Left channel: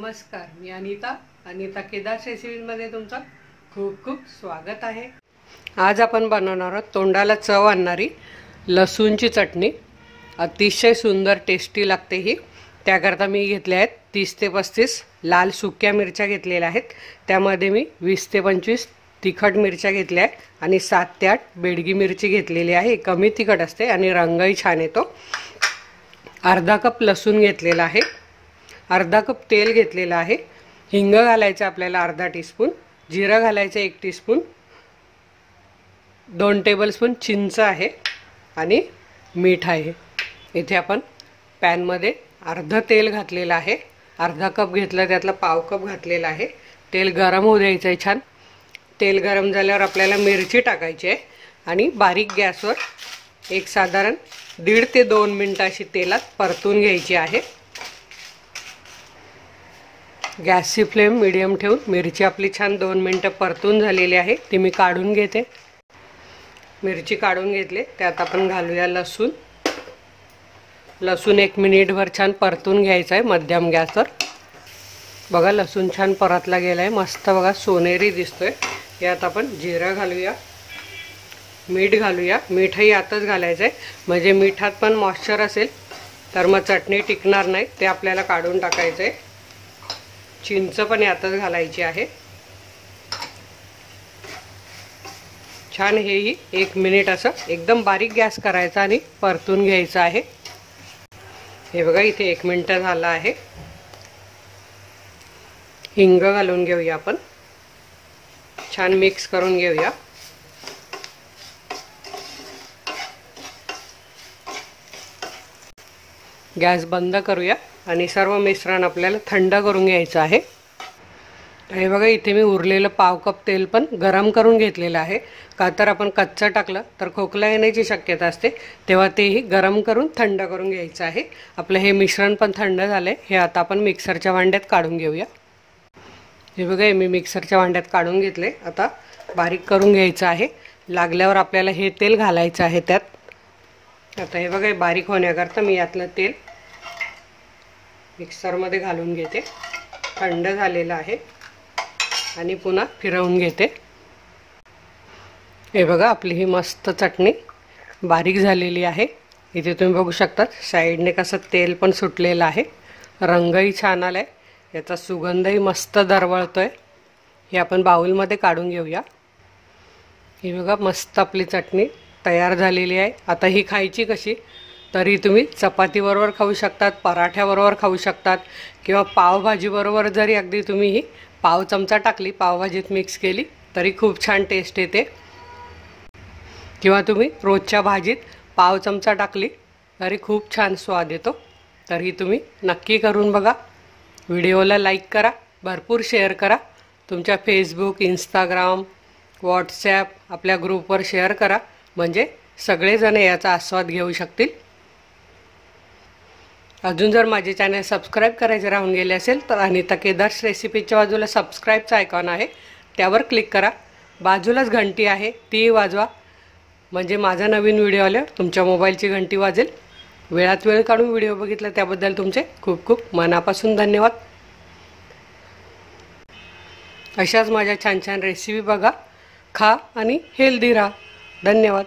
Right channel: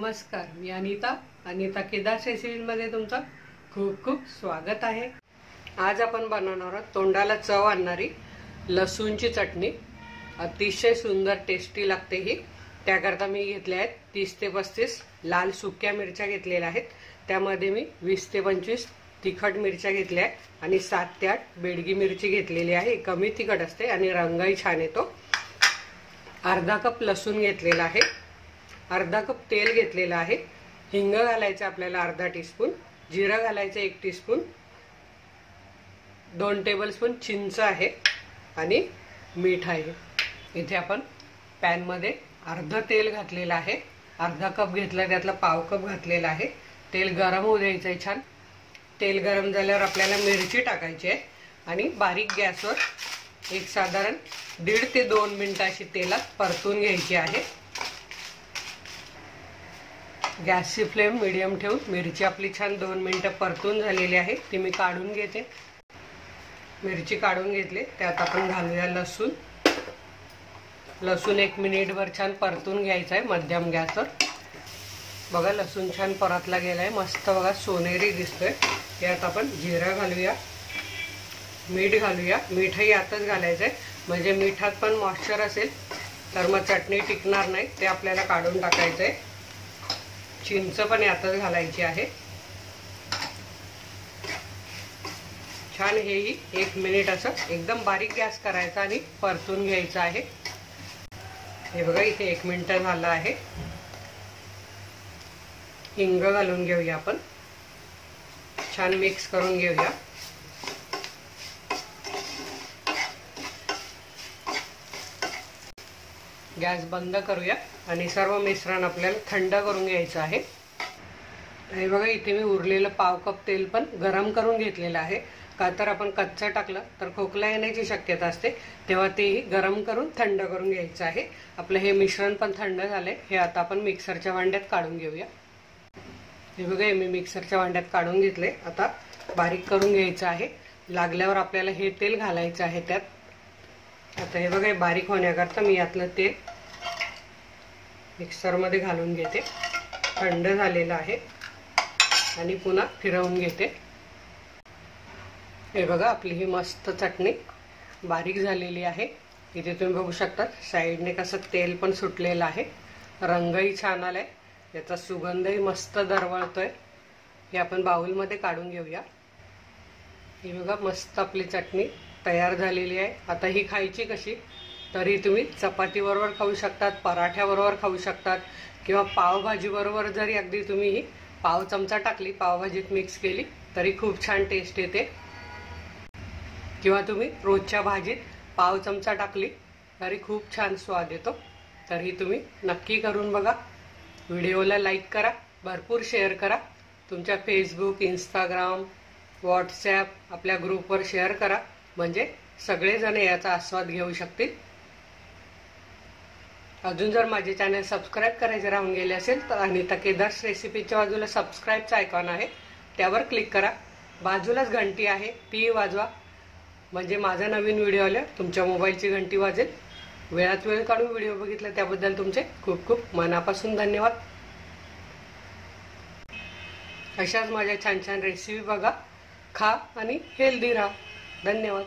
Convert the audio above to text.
नमस्कार, मी अनिता केदार रेसिपीमध्ये तुमचं खूप खूप स्वागत आहे। आज आपण बनवणार आहोत तोंडाला चव आणणारी लसूणची चटणी। अतिशय सुंदर टेस्टी लागते ही। त्याकरता मी घेतले आहेत 30 ते 35 लाल सुक्या मिरच्या घेतलेल्या आहेत। त्यामध्ये मी 20 ते 25 तिखट मिरच्या घेतल्या आहेत आणि 7 ते 8 बेडगी मिरची घेतलेली आहे। कमी तिखट असते आणि रंगही छान येतो। अर्धा कप लसूण घेतलेला आहे। अर्धा कप तेल घेतलेला आहे। हिंग घालायचं आपल्याला अर्धा टीस्पून, जिरं घालायचं 1 टीस्पून, 2 टेबलस्पून चिंच आहे आणि मीठ आहे। इथे आपण पॅन मध्ये अर्ध तेल घातलेलं आहे। अर्धा कप घेतला, त्यातला पाव कप घातलेला आहे। तेल गरम होऊ द्यायचं आहे छान। तेल गरम झाल्यावर आपल्याला मिरची टाकायची आहे आणि बारीक गॅसवर एक साधारण 1.5 ते 2 मिनिटं अशी तेलात परतून घ्यायची आहे। गॅसची फ्लेम मीडियम ठेवून मिरची आपली छान 2 मिनिटं परतून झालेली आहे। ती मी काढून घेते। मिरची काढून घेतली, त्यात आपण घालूया लसूण। लसूण 1 मिनिटभर छान परतून घ्यायचं आहे मध्यम गॅसवर। बघा लसूण छान परतला गेलाय, मस्त बघा सोनेरी दिसतोय। यात आपण जिरं घालूया, मीठ घालूया। मीठही यातच घालायचं आहे, म्हणजे मिठात पण मॉइश्चर असेल तर मग चटणी टिकणार नाही, ते आपल्याला काढून टाकायचं आहे। चिंच पण यातच घालायची आहे। छान हेही 1 मिनिट असं एकदम बारीक गॅस करायचा आणि परतून घ्यायचं आहे। हे बघा इथे 1 मिनिट झालं आहे। हिंग घालून घेऊया आपण, छान मिक्स करून घेऊया। गॅस बंद करूया आणि सर्व मिश्रण आपल्याला थंड करून घ्यायचं आहे। हे बघा इथे मी उरलेलं पाव कप तेल पण गरम करून घेतलेलं आहे। का तर आपण कच्चं टाकलं तर खोकला येण्याची शक्यता असते, तेव्हा तेही गरम करून थंड करून घ्यायचं आहे। आपलं हे मिश्रण पण थंड झालंय। हे आता आपण मिक्सरच्या भांड्यात काढून घेऊया। हे बघा मी मिक्सरच्या भांड्यात काढून घेतले। आता बारीक करून घ्यायचं आहे। लागल्यावर आपल्याला हे तेल घालायचं आहे त्यात। आता हे बघा बारीक होण्याकरता मी यातलं तेल मिक्सरमध्ये घालून घेते। थंड झालेलं आहे आणि पुन्हा फिरवून घेते। हे बघा आपली ही मस्त चटणी बारीक झालेली आहे। इथे तुम्ही बघू शकता साईडने कसं तेल पण सुटलेलं आहे, रंगही छान आलाय, याचा सुगंधही मस्त दरवळतोय। हे आपण बाउलमध्ये काढून घेऊया। ही बघा मस्त आपली चटणी तयार झालेली आहे। आता ही खायची कशी, तरी तुम्ही चपातीबरोबर खाऊ शकतात, पराठ्याबरोबर खाऊ शकतात, किंवा पावभाजीबरोबर जरी अगदी तुम्ही ही पाव चमचा टाकली, पावभाजीत मिक्स केली तरी खूप छान टेस्ट येते। किंवा तुम्ही रोजच्या भाजीत पाव चमचा टाकली तरी खूप छान स्वाद येतो। तरी तुम्ही नक्की करून बघा। व्हिडिओला लाईक करा, भरपूर शेअर करा, तुमच्या फेसबुक, इंस्टाग्राम, व्हॉट्सॲप आपल्या ग्रुपवर शेअर करा, म्हणजे सगळेजण याचा आस्वाद घेऊ शकतील। अजून जर माझे चॅनल सबस्क्राईब करायचे राहून गेले असेल तर अनिता केदार रेसिपीच्या बाजूला सबस्क्राईबचा आयकॉन आहे, त्यावर क्लिक करा। बाजूलाच घंटी आहे, ती वाजवा, म्हणजे माझा नवीन व्हिडिओ आल्यावर तुमच्या मोबाईलची घंटी वाजेल। वेळात वेळ काढून व्हिडिओ बघितला त्याबद्दल तुमचे खूप खूप मनापासून धन्यवाद। अशाच माझ्या छान छान रेसिपी बघा, खा आणि हेल्दी राहा। धन्यवाद।